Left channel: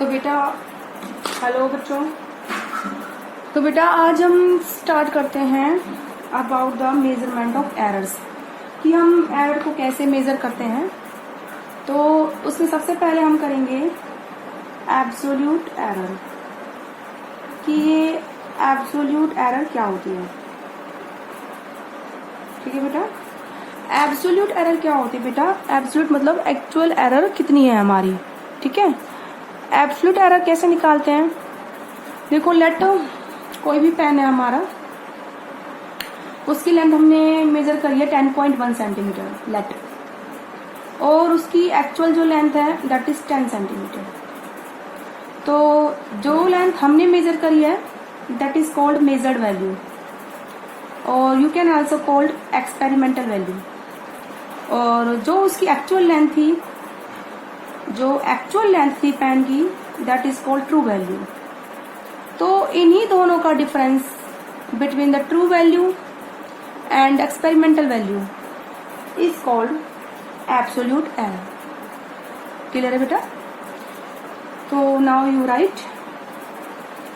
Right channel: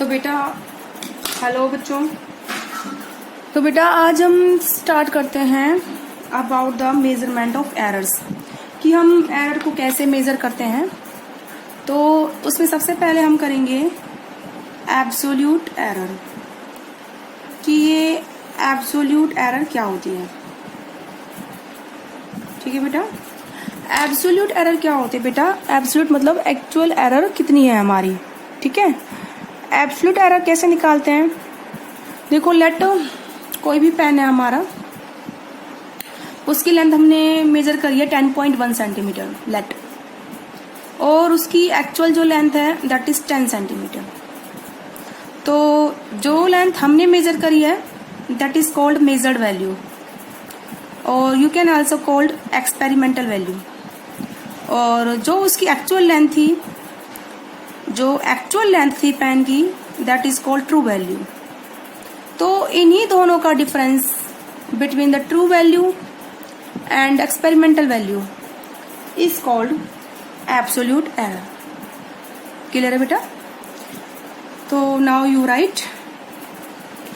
तो बेटा हेलो बच्चों। तो बेटा आज हम स्टार्ट करते हैं about the measurement of errors, कि हम एरर को कैसे मेजर करते हैं। तो उसमें सबसे पहले हम करेंगे एब्सोल्यूट एरर, कि ये एब्सोल्यूट एरर क्या होती है। ठीक है बेटा, एब्सोल्यूट एरर क्या होती है बेटा? एब्सोल्यूट मतलब एक्चुअल एरर कितनी है हमारी। ठीक है, एब्सोल्यूट एरर कैसे निकालते हैं? देखो, लेट कोई भी पेन है हमारा, उसकी लेंथ हमने मेजर करी है 10.1 सेंटीमीटर लेट, और उसकी एक्चुअल जो लेंथ है दैट इज 10 सेंटीमीटर। तो जो लेंथ हमने मेजर करी है that is called measured value, और you can also called experimental value. और जो उसकी एक्चुअल लेंथ थी, पेन की, that is called true value. तो इन्हीं दोनों का difference between the true value and experimental value is called absolute error. Clear है बेटा? तो now you write,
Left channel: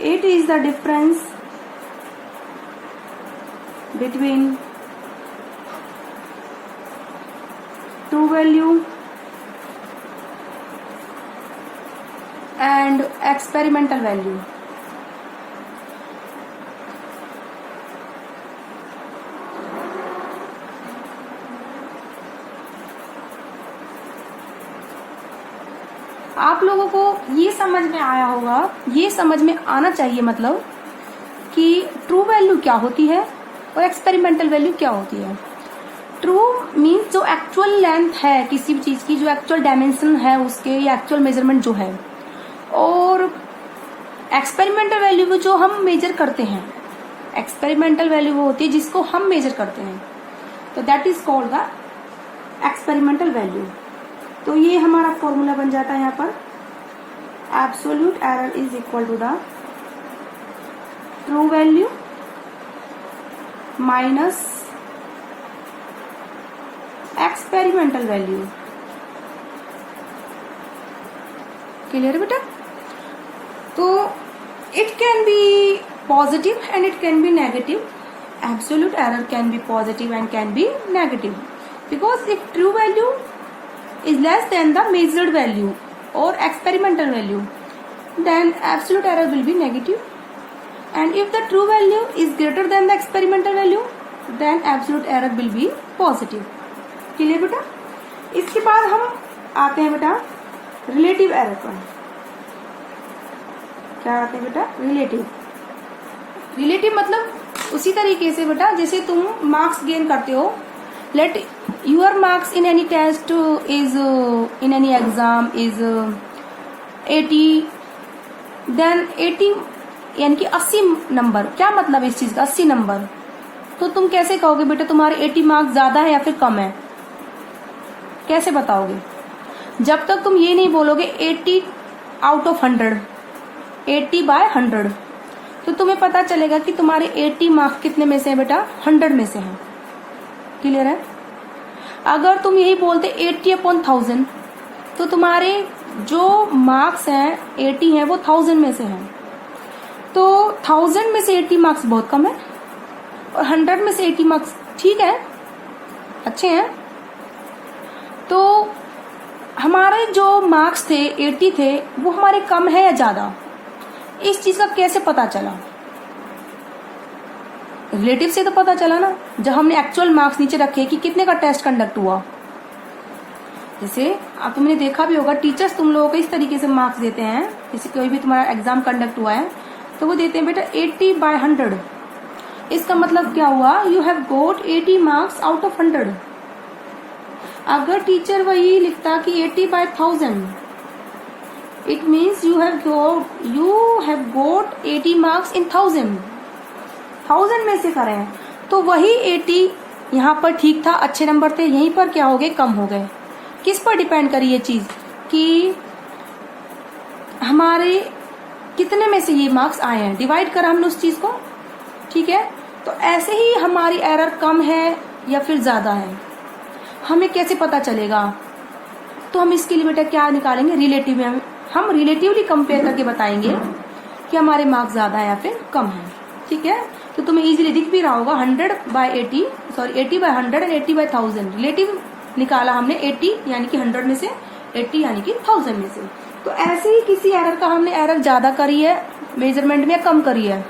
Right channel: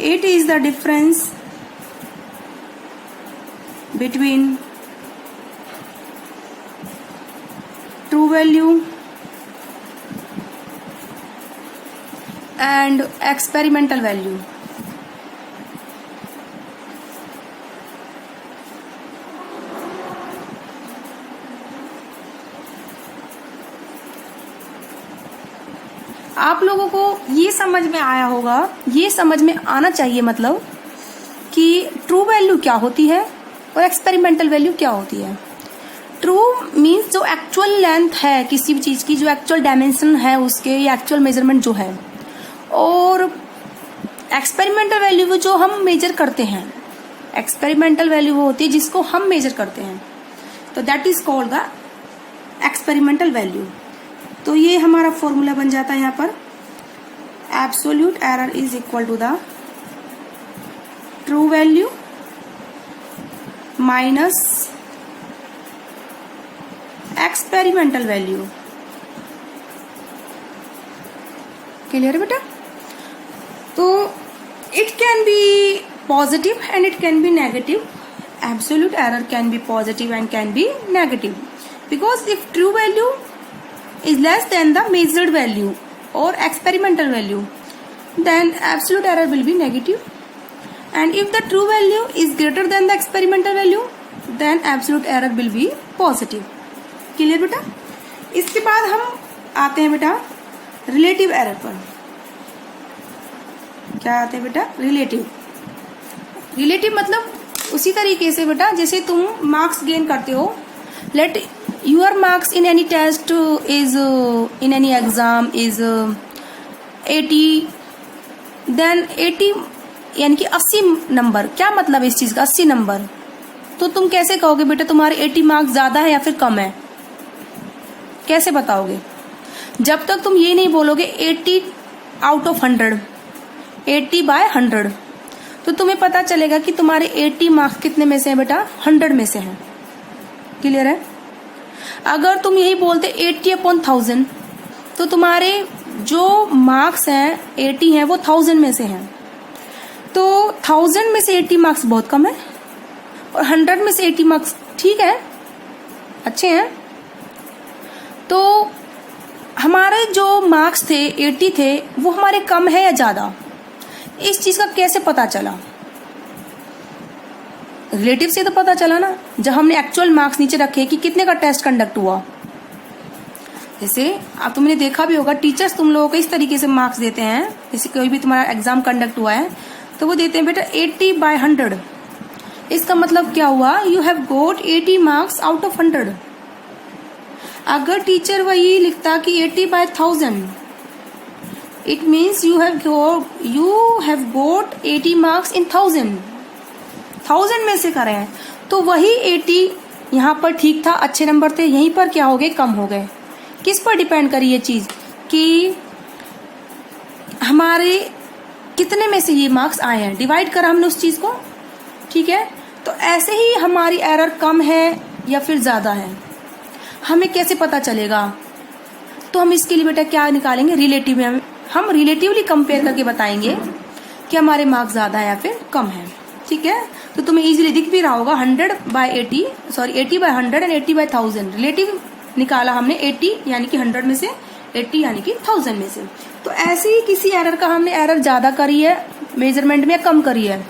it is the difference between true value and experimental value। आप लोगों को ये समझ में आया होगा, ये समझ में आना चाहिए मतलब कि ट्रू वैल्यू क्या होती है और एक्सपेरिमेंटल वैल्यू क्या होती है। ट्रू मीन्स जो एक्चुअल लेंथ है किसी भी चीज की, जो एक्चुअल डायमेंशन है उसके, या एक्चुअल मेजरमेंट जो है, और एक्सपेरिमेंटल वैल्यू वो जो हम मेजर करते हैं। एक्सपेरिमेंटल वैल्यू वो होती है जिसको हम मेजर करते हैं, तो that is called the experimental value. तो ये हमारा फॉर्मूला बन जाता है यहाँ पर, absolute error is equal to the true value minus experimental value. Clear है बेटा? तो it can be positive and it can be negative. Absolute error can be positive and can be negative, because if true value is less than the measured value or experimental value, then absolute error will be negative, and if the true value is greater than the experimental value, then absolute error will be positive. Clear बेटा? इसके बाद हम आते हैं बेटा relative error पर। क्या आते हैं बेटा? रिलेटिव मतलब उसी तरीके से बेटा जैसे तुम मार्क्स गेन करते हो। Let your marks in any test is, in any exam is 80, then 80 यानी कि 80 नंबर। क्या मतलब है इस चीज का 80 नंबर? तो तुम कैसे कहोगे बेटा तुम्हारे 80 मार्क्स ज्यादा है या फिर कम है? कैसे बताओगे? जब तक तुम ये नहीं बोलोगे 80 आउट ऑफ 100, 80 बाय 100, तो तुम्हें पता चलेगा कि तुम्हारे 80 मार्क्स कितने में से है बेटा? 100 में से है। क्लियर है? अगर तुम यही बोलते 80 अपॉन 1000, तो तुम्हारे जो मार्क्स हैं 80 हैं वो 1000 में से हैं। तो 1000 में से 80 मार्क्स बहुत कम है, और 100 में से 80 मार्क्स ठीक है, अच्छे हैं। तो हमारे जो मार्क्स थे 80 थे, वो हमारे कम है या ज्यादा? इस चीज का कैसे पता चला? रिलेटिव से तो पता चला ना, जब हमने एक्चुअल मार्क्स नीचे रखे कि कितने का टेस्ट कंडक्ट हुआ। जैसे अब तुमने देखा भी होगा, टीचर्स तुम लोगों को इस तरीके से मार्क्स देते हैं। जैसे कोई भी तुम्हारा एग्जाम कंडक्ट हुआ है तो वो देते हैं बेटा 80 बाय 100। इसका मतलब क्या हुआ? You have got 80 marks out of 100। अगर टीचर वही लिखता कि 80 by 1000, it means you have got 80 marks in 1000 में से करें, तो वही 80 यहाँ पर ठीक था, अच्छे नंबर थे, यहीं पर क्या हो गए? कम हो गए। किस पर डिपेंड करी ये चीज कि हमारे कितने में से ये मार्क्स आए हैं, डिवाइड करा हमने उस चीज को। ठीक है, तो ऐसे ही हमारी एरर कम है या फिर ज्यादा है, हमें कैसे पता चलेगा? तो हम इसके लिए बेटा क्या निकालेंगे? रिलेटिव हम रिलेटिवली कंपेयर करके बताएंगे कि हमारे मार्क्स ज्यादा है या फिर कम है। ठीक है, तो तुम्हें इजीली दिख भी रहा होगा 80 बाय 100 एंड 80 बाय 1000 रिलेटिव निकाला हमने 80 यानी कि 100 में से, 80 यानी कि 1000 में से। तो ऐसे ही किसी एरर का हमने एरर ज्यादा करी है मेजरमेंट में या कम करी है,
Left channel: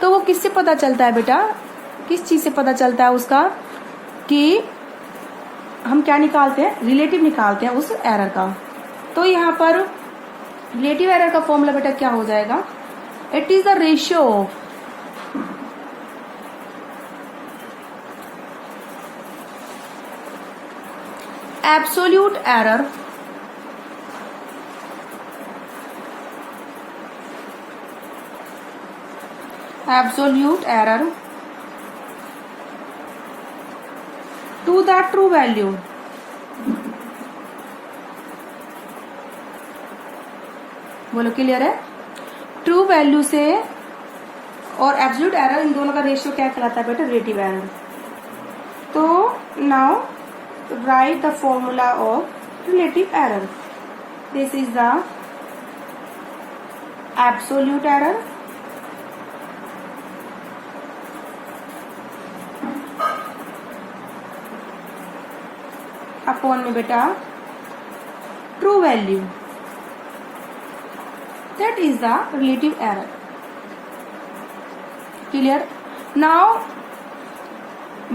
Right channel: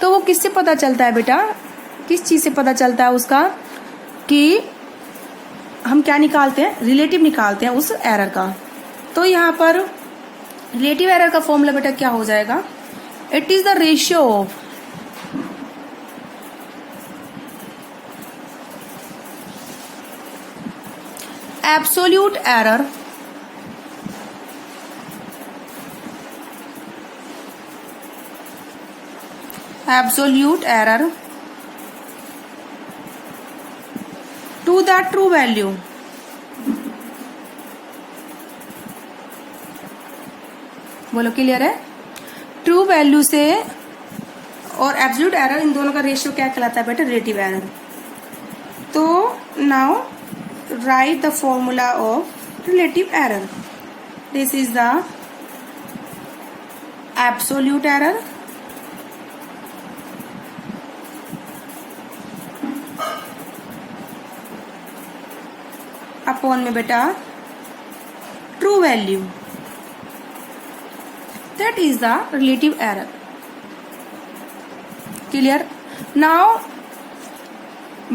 तो वो किससे पता चलता है बेटा, किस चीज से पता चलता है उसका, कि हम क्या निकालते हैं, रिलेटिव निकालते हैं उस एरर का। तो यहाँ पर रिलेटिव एरर का फॉर्मूला बेटा क्या हो जाएगा, it is the ratio of absolute error to the true value बोलो क्लियर है। ट्रू वैल्यू से और एब्सोल्यूट एरर इन दोनों का रेशियो क्या कहलाता है बेटा, रिलेटिव एरर। तो now right the formula of relative error. This is the absolute error upon में बेटा true value, that is the relative error. Clear? Now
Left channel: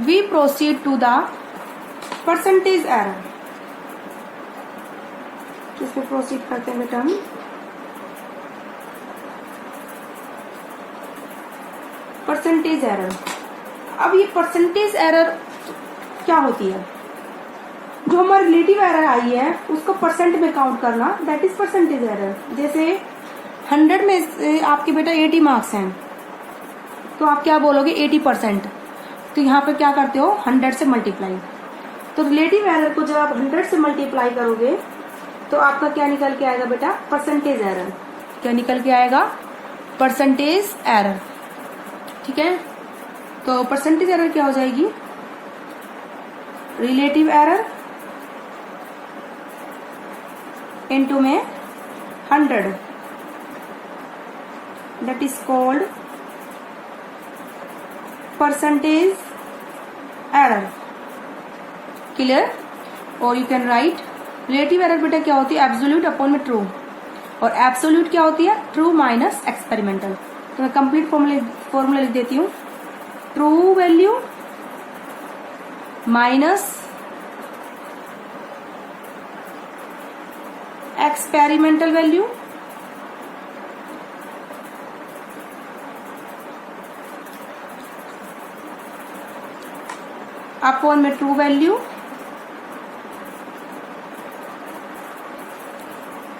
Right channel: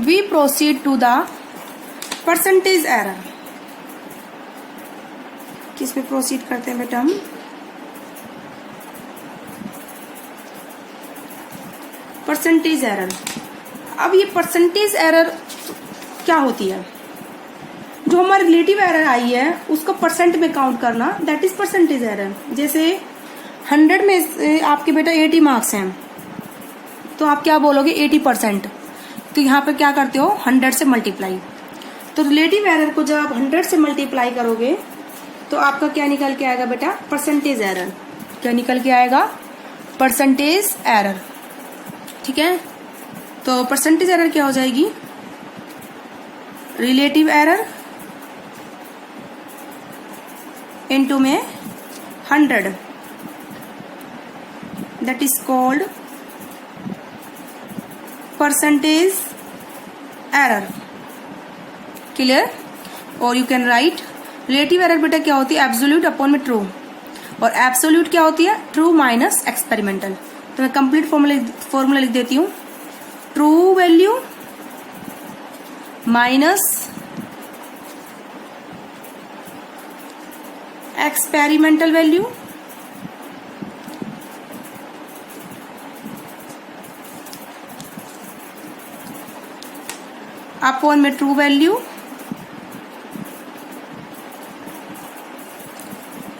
we proceed to the percentage error. किस पे proceed करते हैं बेटा हम, percentage error. अब ये परसेंटेज एरर क्या होती है, जो हमारी रिलेटिव एरर आई है उसको परसेंट में काउंट करना, दैट इज परसेंटेज एरर। जैसे 100 में आपके बेटा 80 मार्क्स हैं, तो आप क्या बोलोगे 80%, तो यहाँ पे क्या करते हो 100 से मल्टीप्लाई। तो रिलेटिव एरर को जब आप 100 से मल्टीप्लाई करोगे तो आपका क्या निकल के आएगा बेटा, परसेंटेज एरर। क्या निकल के आएगा, परसेंटेज एरर। ठीक है, तो परसेंटेज एरर क्या हो जाएगी, रिलेटिव एरर इनटू में 100, that is called percentage error. Clear? और you can write relative error बेटा क्या होती है, absolute अपॉन में true, और absolute क्या होती है, true माइनस experimental। तो मैं कंप्लीट फॉर्मूला लिख देती हूँ, true value minus experimental value upon में ट्रू वैल्यू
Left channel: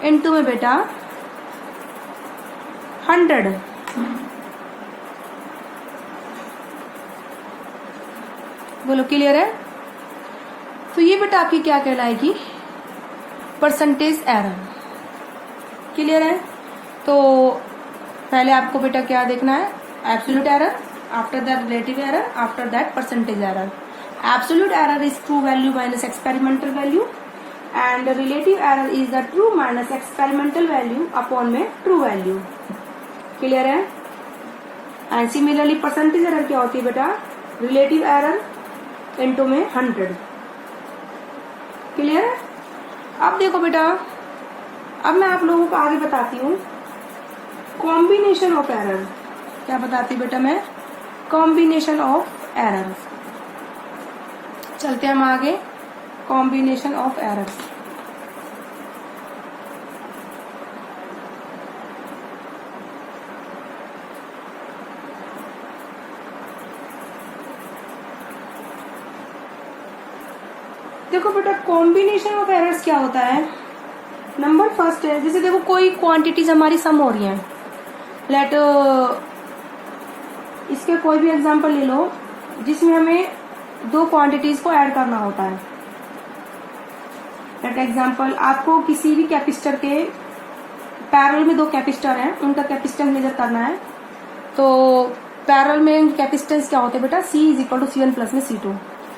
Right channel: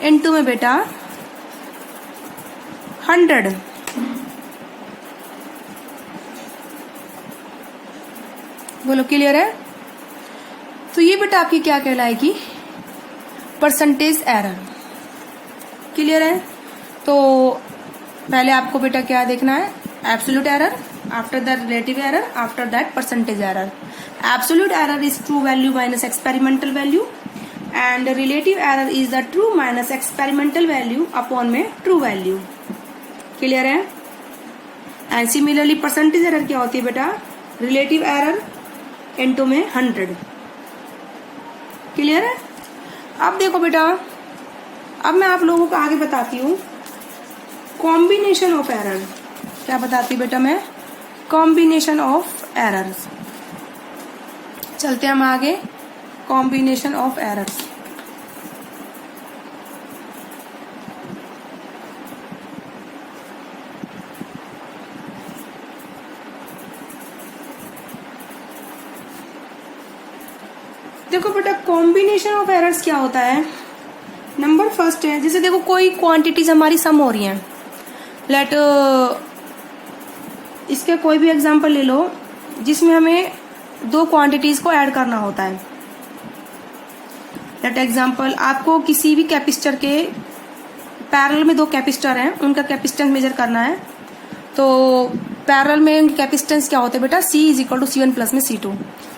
इनटू में बेटा 100। बोलो क्लियर है। तो ये बेटा आपकी क्या कहलाएगी, परसेंटेज एरर। क्लियर है। तो पहले आपको बेटा क्या देखना है, absolute error, after that relative error, after that percentage error. Absolute error is true value minus experimental value and relative error is the true minus experimental value upon में true value। Clear है। And similarly percentage error क्या होती है बेटा, relative error into में 100। Clear है। अब देखो बेटा, अब मैं आप लोगों को आगे बताती हूँ कॉम्बिनेशन ऑफ एरर। क्या बताती हूँ बेटा मैं, कॉम्बिनेशन ऑफ एरर्स। चलते हम आगे, कॉम्बिनेशन ऑफ एरर्स। देखो बेटा कॉम्बिनेशन ऑफ एरर्स क्या होता है। नंबर फर्स्ट है, जैसे देखो कोई क्वांटिटीज हमारी सम हो रही हैं, लेट इसके कोई भी एग्जांपल ले लो जिसमें हमें दो क्वांटिटीज को ऐड करना होता है। दैट एग्जांपल, आपको किसी भी कैपेसिटर के पैरेलल में दो कैपेसिटर हैं, उनका कैपेसिटेंस मेजर करना है। तो पैरेलल में कैपेसिटेंस क्या होते हैं बेटा, C is equal to C1 plus में C2।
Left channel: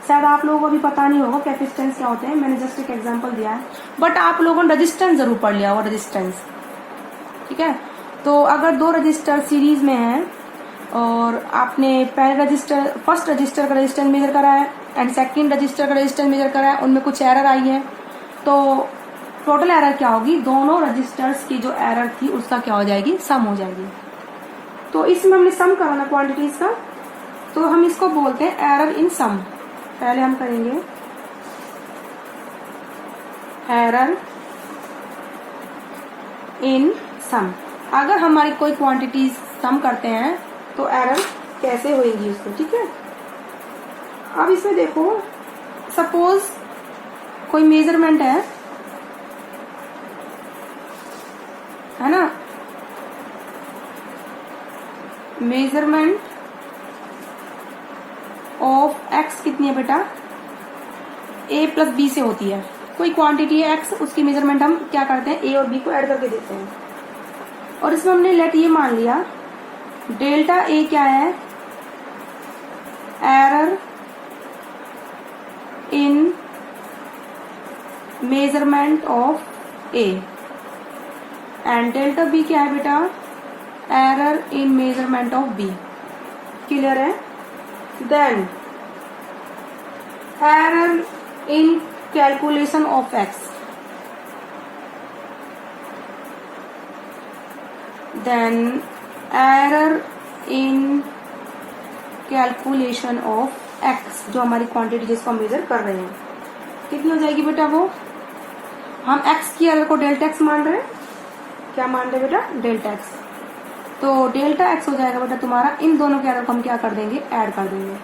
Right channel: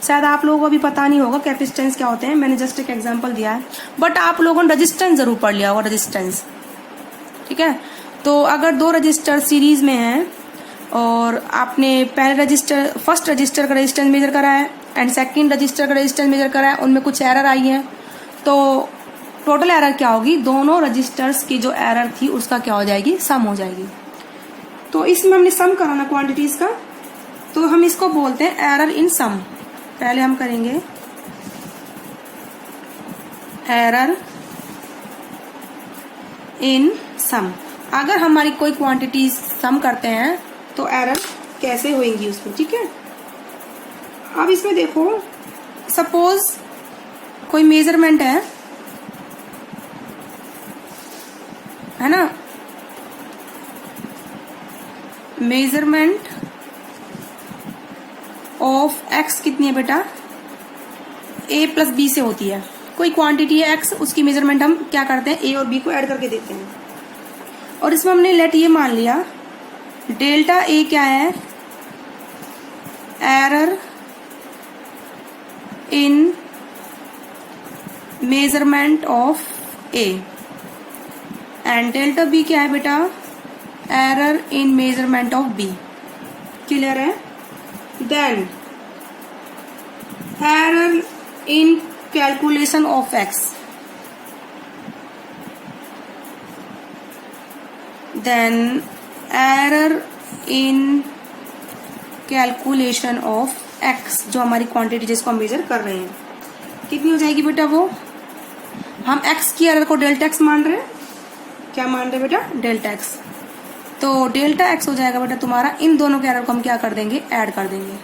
शायद आप लोगों को अभी पता नहीं होगा कैपेसिटेंस क्या होते हैं, मैंने जस्ट एक एग्जांपल दिया है, बट आप लोगों ने रेजिस्टेंस जरूर पढ़ लिया होगा। रेजिस्टेंस ठीक है। तो अगर दो रजिस्टर सीरीज में हैं और आपने पहले रजिस्टर फर्स्ट रजिस्टर का रेजिस्टेंस मेजर करा है एंड सेकंड रजिस्टर का रेजिस्टेंस मेजर करा है, उनमें कुछ एरर आई है, तो टोटल एरर क्या होगी, दोनों रजिस्टर्स की जो एरर थी उसका क्या हो जाएगी, सम हो जाएगी। तो इसमें हमने सम कराना क्वांटिटीज का, तो हम इसको बोलते हैं एरर इन सम। पहले हम करेंगे एरर इन सम। अगर हमारी कोई क्वांटिटी सम करते हैं तो एरर कैसे होगी उसमें, ठीक है। अब इसमें देखो, सपोज कोई मेजरमेंट है ना, मेजरमेंट ऑफ एक्स कितनी है बेटा, a प्लस बी से होती है। कोई क्वांटिटी है x, उसकी मेजरमेंट हम क्या करते हैं, a और b को ऐड करके देते हैं। और इसमें हमने लेट ये मान लिया डेल्टा a क्या है, error in measurement of a, and delta b क्या है बेटा, error in measurement of b। Clear है। Then error in calculation of x, then error in calculation of x, जो हमारी क्वांटिटी जिसको हम मेजर कर रहे हैं, कितनी हो जाएगी बेटा, वो हम x की एरर को डेल्टा x मान रहे हैं, क्या मान रहे हैं बेटा, डेल्टा x। तो डेल्टा x हो जाएगा बेटा तुम्हारा, इन दोनों के एरर को हम क्या कर देंगे, ऐड कर देंगे।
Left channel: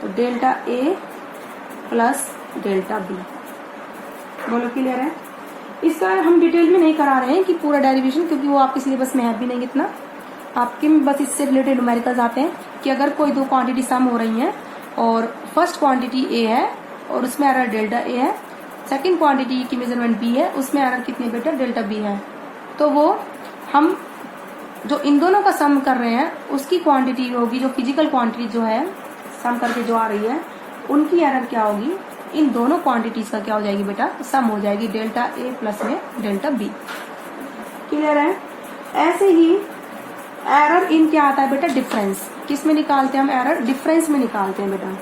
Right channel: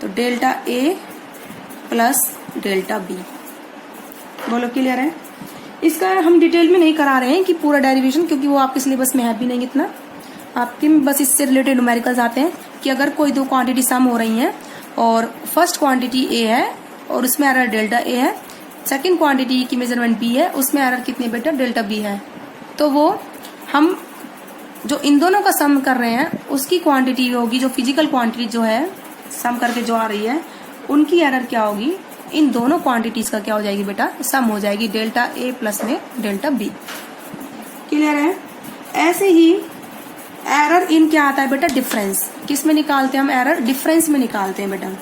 तो delta a plus delta b, बोलो क्लियर है। इसका हम डिटेल में नहीं करा रहे हैं कि पूरा डेरिवेशन, क्योंकि वो आपके सिलेबस में है भी नहीं इतना, आपके बस इससे रिलेटेड न्यूमेरिकल्स आते हैं कि अगर कोई दो क्वांटिटी सम हो रही हैं और फर्स्ट क्वांटिटी a है और उसमें एरर डेल्टा a है, सेकंड क्वांटिटी की मेजरमेंट b है, उसमें एरर कितनी बेटा, डेल्टा b है, तो वो हम जो इन दोनों का सम कर रहे हैं उसकी क्वांटिटी होगी, जो फिजिकल क्वांटिटी जो है सम करके जो आ रही है, उनकी एरर क्या होगी, इन दोनों क्वांटिटीज का क्या हो जाएगी बेटा, सम हो जाएगी, डेल्टा a प्लस में डेल्टा b। क्लियर है। ऐसे ही एरर इन क्या आता है बेटा, डिफरेंस। किस में निकालते हैं हम एरर, डिफरेंस में निकालते हैं बेटा।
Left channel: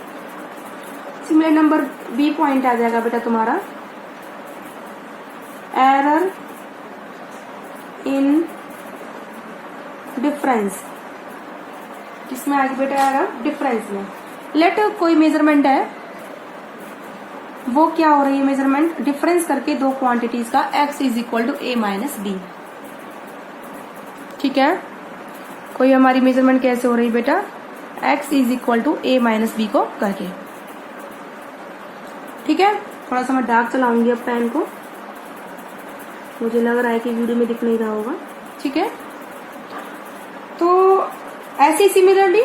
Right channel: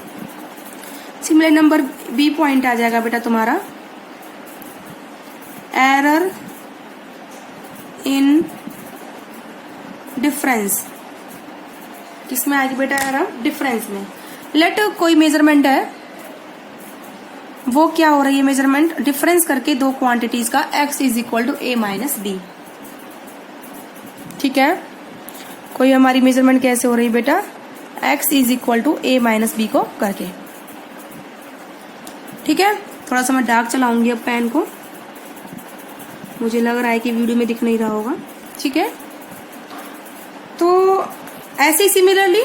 सिमिलर नंबर बी पॉइंट आ जाएगा बेटा तुम्हारा, एरर इन डिफरेंस। किसमें आएगी बेटा एरर, डिफरेंस में। लेट कोई मेजरमेंट है, वो क्या हो रही है, मेजरमेंट डिफरेंस करके दो क्वांटिटीज का, x is equal to a minus B. ठीक है, कोई हमारी मेजरमेंट कैसे हो रही है बेटा, x is equal to a minus B को करके। ठीक है, थोड़ा सा मैं डार्क चलाऊंगी अब पेन को, मुझे लग रहा है कि वीडियो में दिख नहीं रहा होगा। ठीक है, तो ऐसे सिमिलरली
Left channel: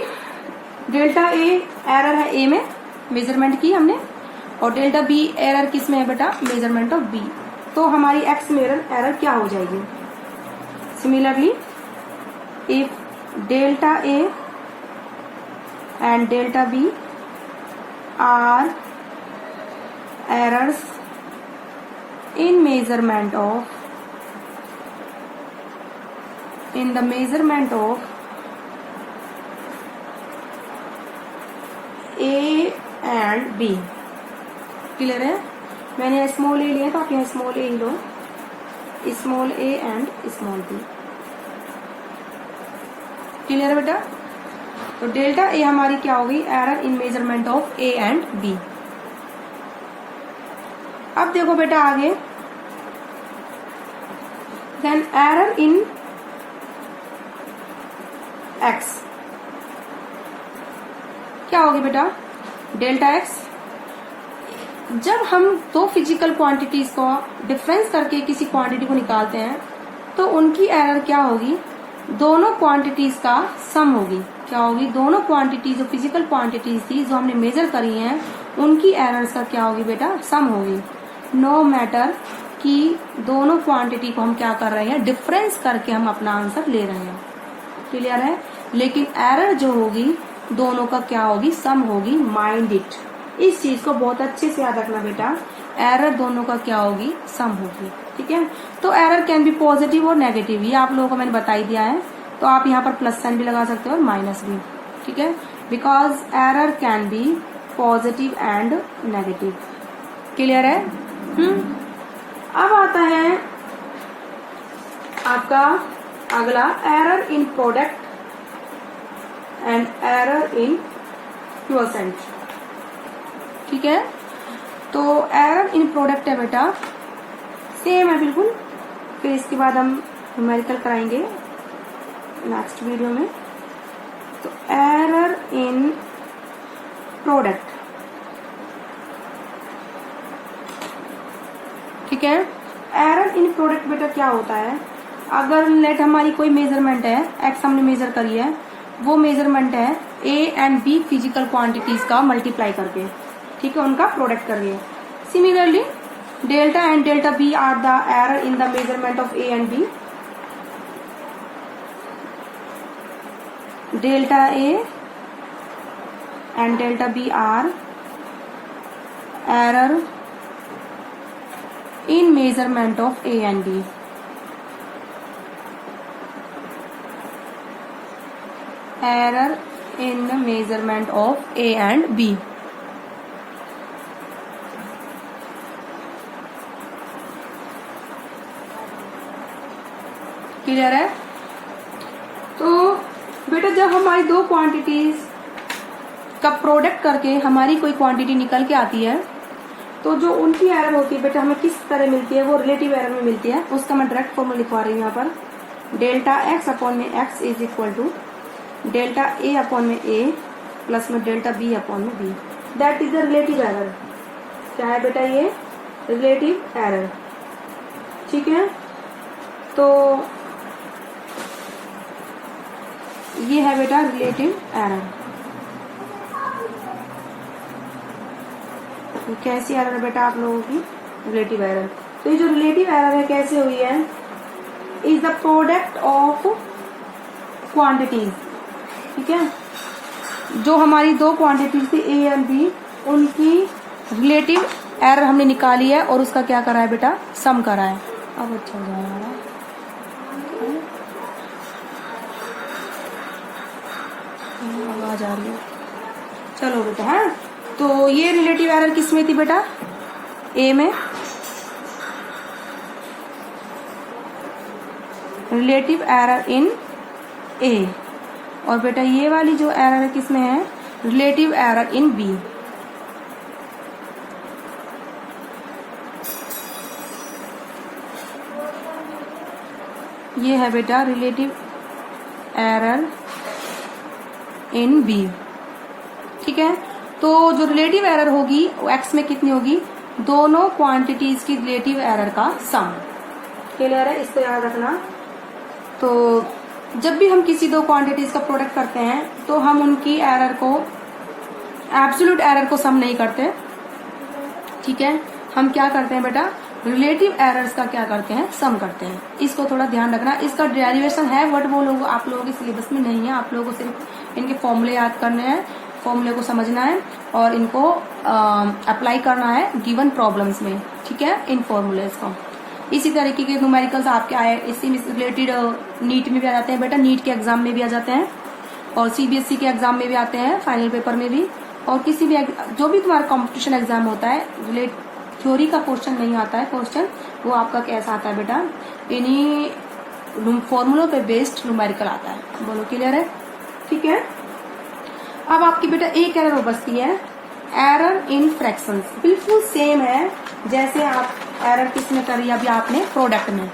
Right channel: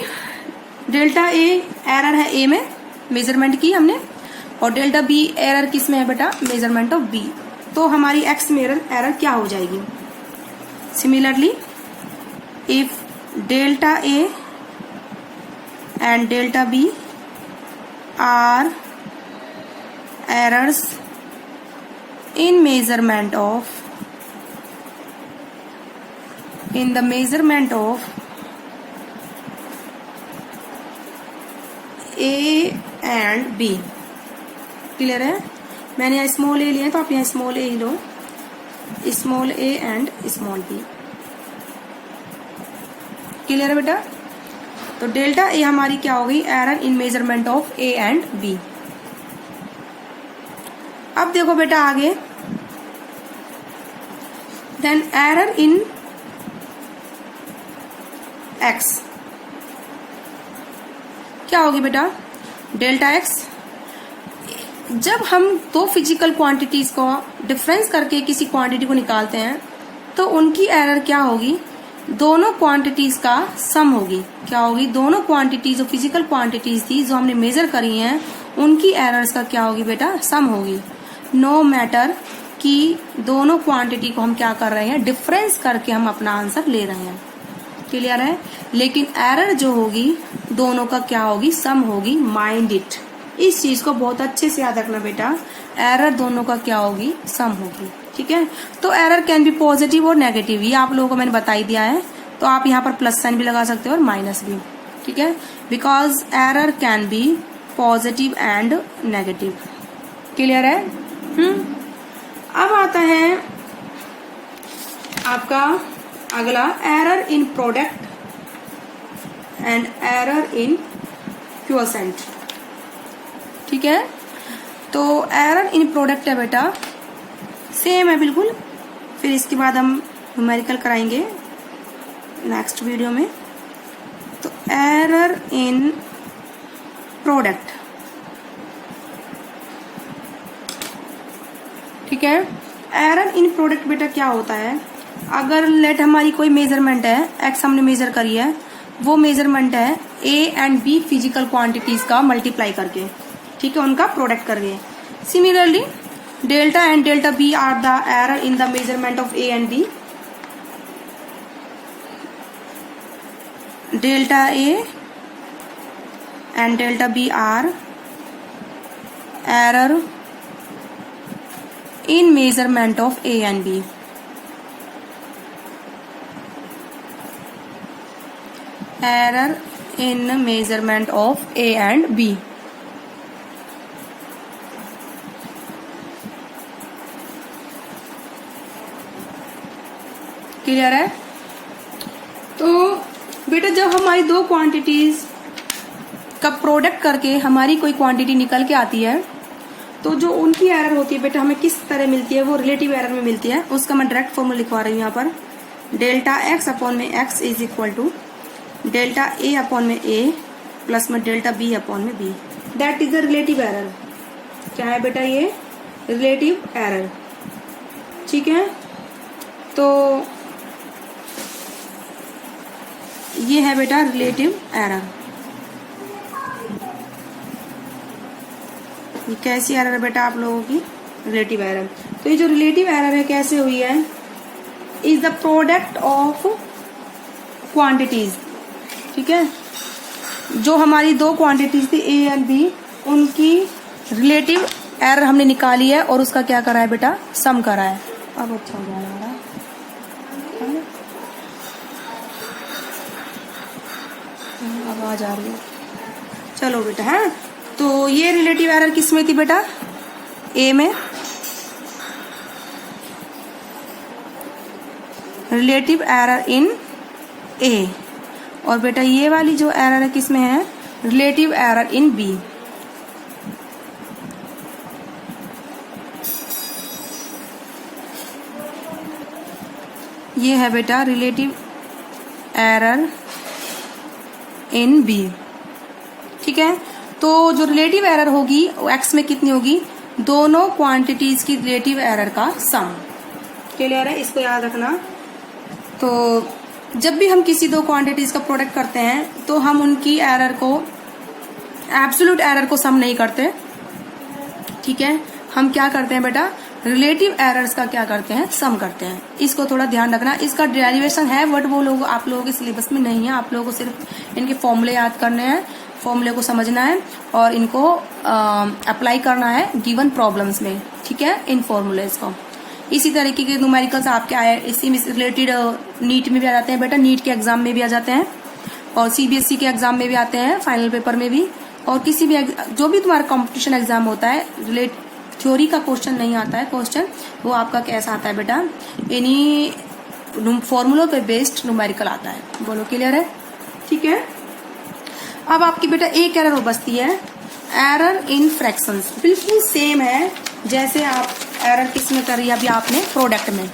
डेल्टा a एरर है a में, मेजरमेंट की हमने, और डेल्टा b एरर किस में है बेटा, मेजरमेंट ऑफ b। तो हमारी x में एरर क्या हो जाएगी, similarly if delta a and delta b are errors in measurement of, in the measurement of A and B। Clear है। मैंने स्मॉल a लिया तो आप यहाँ स्मॉल a ही लो, स्मॉल a एंड स्मॉल b। क्लियर है बेटा। तो डेल्टा a हमारी क्या होगी, error in measurement of A and B। अब देखो बेटा आगे, देन एरर इन x क्या होगी बेटा, डेल्टा x। जब हम दो फिजिकल क्वांटिटीज को डिफरेंस करके किसी क्वांटिटी को निकालते हैं तो उनकी एरर क्या होगी, दोनों क्वांटिटीज का सम होगी। क्या होगी, दोनों क्वांटिटीज जो फिजिकल क्वांटिटीज थी जो हमने मेजर करी हैं उनकी एरर्स का क्या होगी बेटा, सम होगी। नो मैटर कि दोनों क्वांटिटी को हम क्या कर रहे हैं, डिफरेंस करके हम अपना आंसर ले रहे हैं। क्लियर है। लेकिन एरर जो होगी दोनों का क्या होगी, सम होगी। माइंड इट, इस चीज को बहुत अच्छे से याद रखना बेटा, एरर दोनों का क्या होगी, सम होगी। ठीक है। तो एरर कैन बी पॉजिटिव और नेगेटिव, ये आप लोगों को मैंने बता ही दिया है। तो आप यहाँ पर प्लस साइन भी लगा सकते हो और माइनस भी, ठीक है, because error can be positive and negative. Clear है? अब आता है आपका अगला, error in product and error in quotient. ठीक है, तो एरर इन प्रोडक्ट है बेटा, सेम है बिल्कुल। फिर इसके बाद हम न्यूमेरिकल कराएंगे नेक्स्ट वीडियो में। तो एरर इन प्रोडक्ट, ठीक है। एरर इन प्रोडक्ट बेटा क्या होता है, अगर लेट हमारी कोई मेजरमेंट है, एक्स हमने मेजर करी है, वो मेजरमेंट है A and B physical quantities का मल्टीप्लाई करके, ठीक है, उनका प्रोडक्ट करके। Similarly delta and delta B are the error in the measurement of A and B. Delta A and delta B are error in measurement of A and B. Error in measurement of A and B. Clear है? तो बेटा जब हमारी दो quantities का product करके हमारी कोई क्वांटिटी निकल के आती है, तो जो उनकी एरर होती है बेटा हमें किस तरह मिलती है, वो रिलेटिव एरर में मिलती है। उसका मैं डायरेक्ट फॉर्मूला लिखवा रही हूँ यहाँ पर। डेल्टा एक्स अपॉन में x is equal to delta A upon में ए प्लस में डेल्टा बी अपॉन में B. That is the relative error. क्या है बेटा ये? Relative error. ठीक है, तो ये है बेटा रिलेटिव एरर। कैसी एरर है बेटा आप लोगों की? Relative error. तो ये जो रिलेटिव एरर है कैसे हुई है? Is the product of quantities. ठीक है, जो हमारी दो क्वांटिटीज थी ए एंड बी, उनकी रिलेटिव एरर हमने निकाली है और उसका क्या करा है बेटा? सम करा है। अब अच्छा हो जाएगा, आवाज आ रही है। चलो बेटा, है तो ये रिलेटिव एरर किस में थी बेटा? ए में। रिलेटिव एरर इन ए। और बेटा ये वाली जो एरर है किस में है? Relative error in B. ये है बेटा रिलेटिव एरर इन बी। ठीक है, तो जो रिलेटिव एरर होगी वो एक्स में कितनी होगी? दोनों क्वांटिटीज की रिलेटिव एरर का सम। क्लियर है? इसको याद रखना। तो जब भी हम किसी दो क्वांटिटीज का प्रोडक्ट करते हैं तो हम उनकी एरर को, एब्सोल्यूट एरर को सम नहीं करते। ठीक है, हम क्या करते हैं बेटा? रिलेटिव एरर्स का क्या करते हैं? सम करते हैं। इसको थोड़ा ध्यान रखना। इसका डेरिवेशन है बट वो लोग आप लोगों के सिलेबस में नहीं है। आप लोगों को सिर्फ इनके फॉर्मूले याद करने हैं, फॉर्मूले को समझना है और इनको अप्लाई करना है गिवन प्रॉब्लम्स में। ठीक है, इन फॉर्मूलेस को। इसी तरीके के न्यूमेरिकल्स आपके आए, इसी में रिलेटेड नीट में भी आ जाते हैं बेटा, नीट के एग्जाम में भी आ जाते हैं और सीबीएसई के एग्जाम में भी आते हैं, फाइनल पेपर में भी। और किसी भी जो भी तुम्हारा कॉम्पिटिशन एग्जाम होता है, थ्योरी का क्वेश्चन नहीं आता है, क्वेश्चन वो आपका कैसा आता है बेटा? इन्हीं फॉर्मूलों पे बेस्ड न्यूमेरिकल आता है। बोलो क्लियर है? ठीक है, अब आपकी बेटा एक एरर बचती है, एरर इन फ्रैक्शंस। बिल्कुल सेम है जैसे आप एरर किस में करी है अभी आपने? प्रोडक्ट में।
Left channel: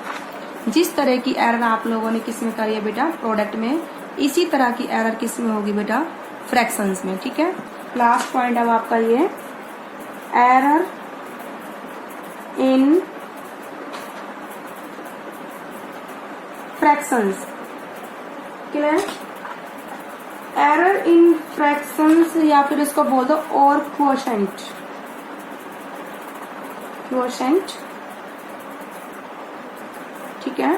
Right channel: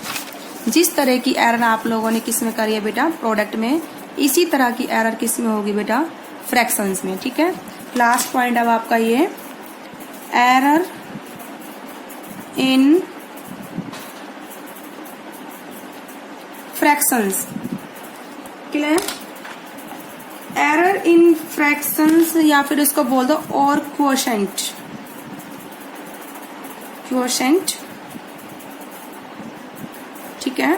जिस तरह की एरर आप लोगों ने किस में करी है बेटा? प्रोडक्ट में। इसी तरह की एरर किस में होगी बेटा? फ्रैक्शंस में। ठीक है, लास्ट पॉइंट अब आपका ये error in fractions. Clear? Error in fractions या फिर इसको बोल दो और क्वोशेंट। क्वोशेंट, ठीक है।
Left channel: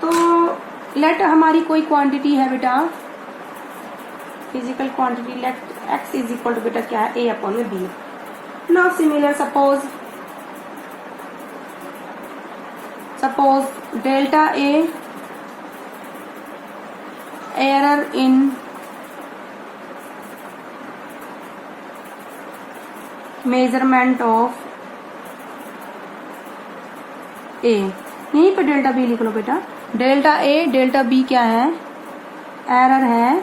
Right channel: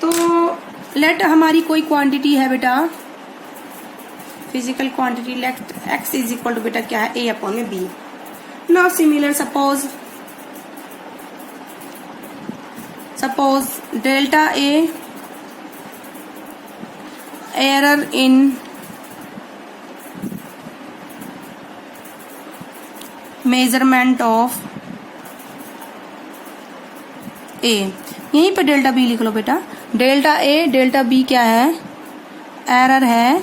तो लेट हमारी कोई क्वांटिटी है बेटा, physical quantity, let x is equal to बेटा क्या है? ए अपॉन में B. Now similar suppose suppose delta A error in measurement of A, यहीं पे डेल्टा बी लिख लो बेटा। डेल्टा ए डेल्टा बी क्या है, एरर है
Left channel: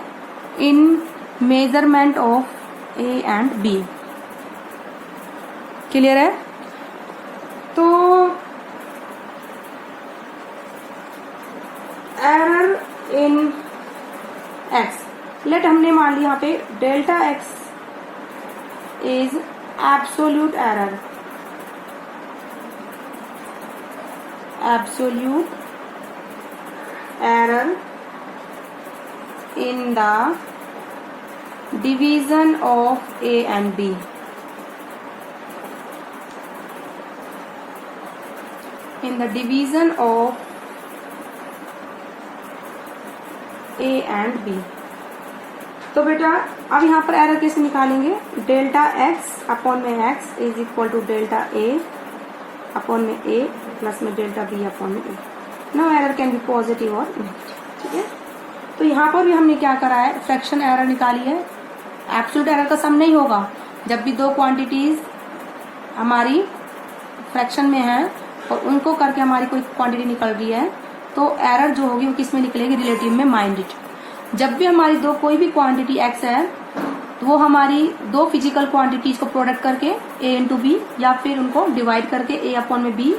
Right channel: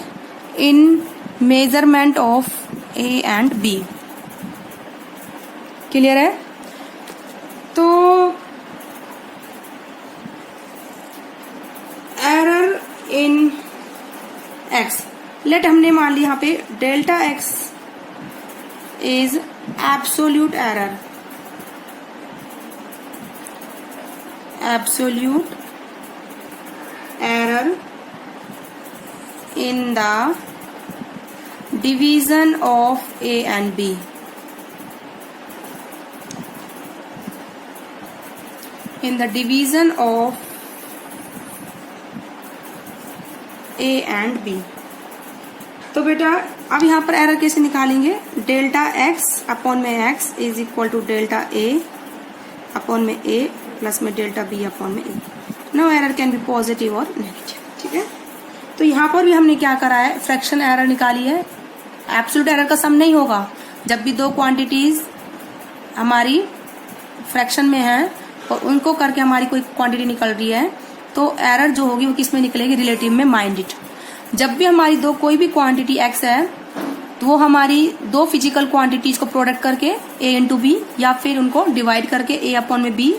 in measurement of A and B. Clear है? तो एरर इन एक्स, लेट हमने मान लिया यहाँ पे delta x is absolute error, absolute error in the division of A and B. In the division of A and B. तो बेटा अब यहाँ पर एरर कैसे निकालेंगे, डेल्टा एक्स अपॉन में x is equal to delta A upon में A plus में डेल्टा बी अपॉन में A. No error can be positive और नेगेटिव, ठीक है। तो यहाँ पर भी हमने क्या करा है, फ्रैक्शन एरर निकाली है। एब्सोल्यूट एरर का सम नहीं होगा, जब भी दो क्वांटिटीज हमारी फ्रैक्शन में है और उनको करके हमारी कोई क्वांटिटी निकल रही है तो एरर जो होगी वो किस में निकलेगी, रिलेटिव में, माइंडेड। जब भी हमारी दो कोई भी क्वांटिटी एक्स है तो वो हमारी दो फिजिकल क्वांटिटीज को प्रोडक्ट करके ए इंटू बी या फिर उनको डिवाइड करके ए अपॉन में बी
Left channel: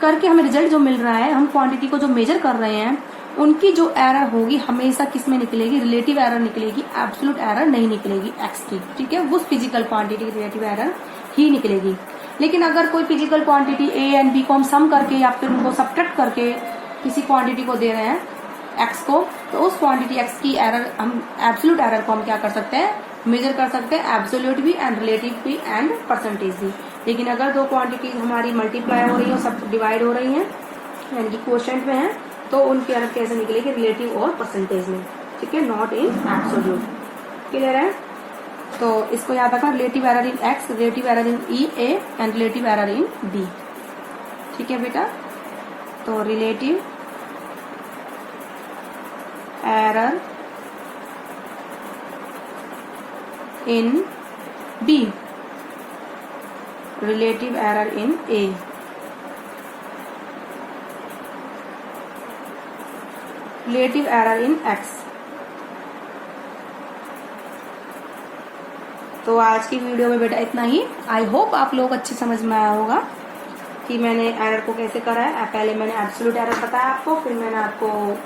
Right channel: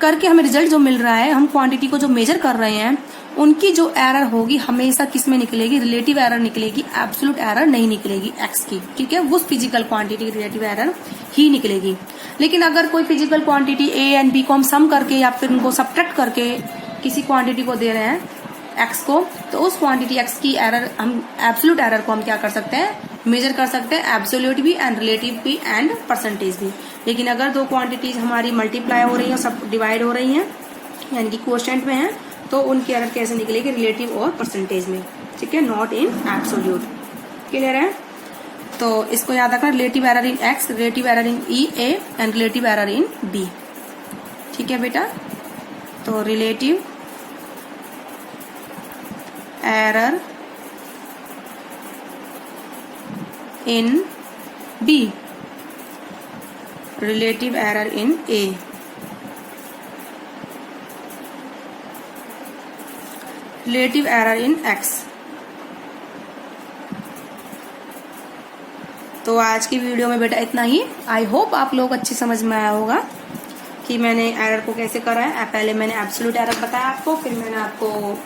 करके हमें रिजल्ट जो मिल रहा है, हम क्वांटिटी को जो मेजर कर रहे हैं उनकी जो एरर होगी हमेशा किस में निकलेगी, रिलेटिव एरर निकलेगी, एब्सोल्यूट एरर नहीं निकलेगी एक्स की, ठीक है। उस फिजिकल क्वांटिटी की रिलेटिव एरर ही निकलेगी। लेकिन अगर कोई physical quantity A and B को हम सम करके या फिर उनको सब्ट्रैक्ट करके किसी क्वांटिटी को दे रहे हैं एक्स को, तो उस क्वांटिटी एक्स की एरर, हम एब्सोल्यूट एरर को हम क्या कर सकते हैं, मेजर कर सकते हैं, एब्सोल्यूट भी एंड रिलेटिव भी एंड परसेंटेज भी। लेकिन अगर दो क्वांटिटीज हमारी मल्टीप्लाई हो रही है, सब डिवाइड हो रही हैं यानी कि क्वोशिएंट में है, तो उनकी एरर कैसे निकलेगी, रिलेटिव और परसेंटेज में, ठीक है, नॉट इन एब्सोल्यूट। क्लियर है? तो इसको याद रखना, relative error in X, relative error in E A and relative error in B, ठीक है बेटा। तो relative error in B, relative error in A, relative error in X। तो आज की वीडियो में बेटा इतना ही। आई होप आप लोग अच्छी समझ में आया होगा कि मैंने एरर को कैसे करा है। पहले मैंने एब्सोल्यूट एरर बताया आपको, फिर मैंने आपको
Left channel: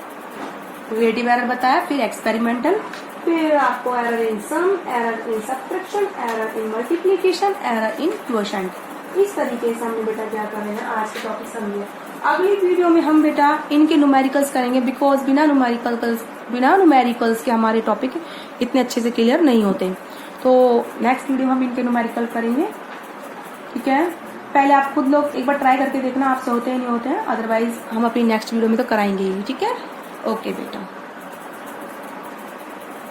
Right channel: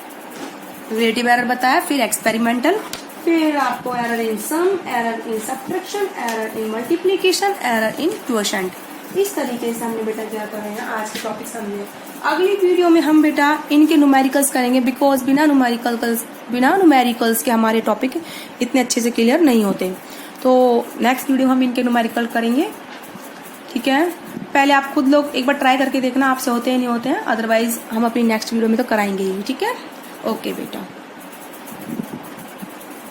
रिलेटिव एरर बताया, फिर एक्सपेरिमेंटल, फिर आपको error in sum, error in subtraction, error in multiplication, error in quotient. इस तरीके से हमने बेटा क्या करना है, आज के टॉपिक समझे। अगली वीडियो में हम बेटा इनके न्यूमेरिकल्स करेंगे, बिकॉज बिना न्यूमेरिकल्स के हमारे टॉपिक इतने अच्छे से क्लियर नहीं होते। तो नेक्स्ट वीडियो हम इनके न्यूमेरिकल करेंगे, ठीक है। पहले आप खुद लोग एक बार ट्राई करके देखना आपसे होते हैं नहीं होते हैं, अदरवाइज हम अपनी नेक्स्ट वीडियो में तो कराएंगे ही, ठीक है। ओके बेटा।